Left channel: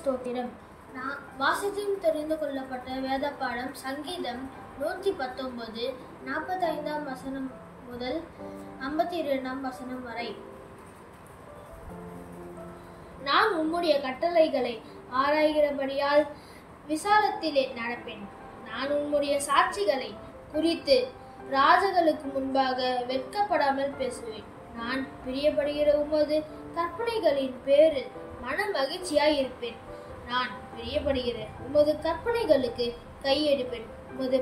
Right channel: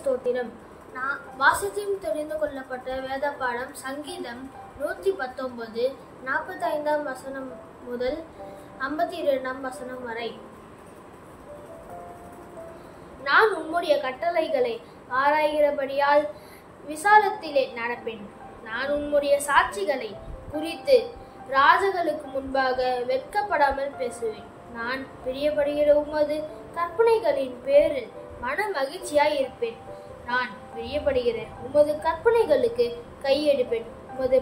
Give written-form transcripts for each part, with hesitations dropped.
ஸ்தோத்திரம். நான் வாசித்தும் தெரிந்து கொள்ளப்பட்ட வேத பாடம் சங்கீதம் 119 45 வசனம் முதல் 52 வசனம் வரை. நான் உம்முடைய கட்டளைகளை ஆராய்கிறபடியால் விசாலத்திலே நடப்பேன். நான் உம்முடைய சாட்சிகளை குறித்து ராஜர்களுக்கு முன்பாக வெட்கப்படாமல் பேசுவேன். நான் பிரியப்படுகிற உமது கற்பனைகளின் பேரில் மன மகிழ்ச்சியாய் இருப்பேன். நான் பிரியப்படுகிற உமது கற்பனைகளுக்கு கையெடுப்பேன். உமது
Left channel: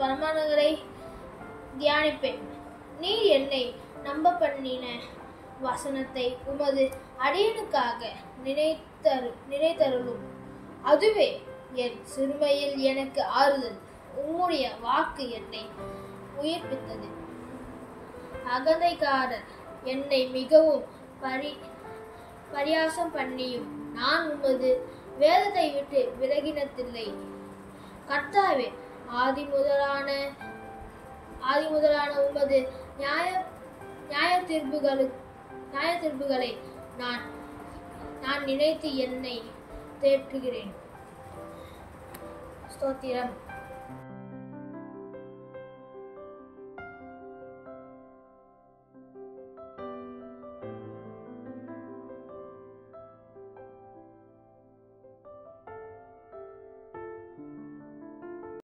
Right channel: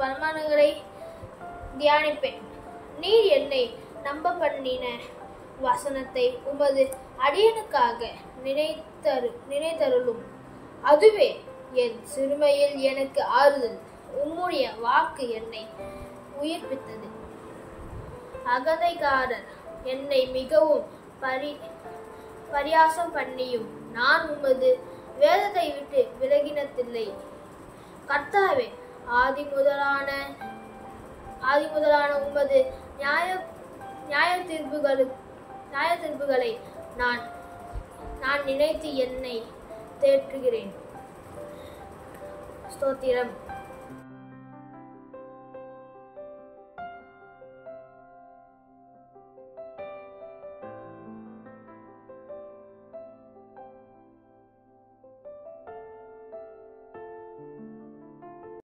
பிரமாணங்களை தியானிப்பேன். நீர் என்னை நம்ப பண்ணின வசனத்தை உமது அடியனுக்காக நினைத்தருளும். அதுவே என் சிறுமையில் எனக்கு ஆறுதல். உம்முடைய வாக்கு என்னை உயிர்ப்பித்தது. அகந்தைக்காரர் என்னை மிகவும் பரியாசம் பண்ணியும் நான் உமது வேதத்தை விட்டு விலகினதில்லை. கர்த்தாவே, ஆதி முதலான உமது நியாய தீர்ப்புகளை நான் நினைத்து என்னை தேற்றுகிறேன். ஸ்தோத்திரம்.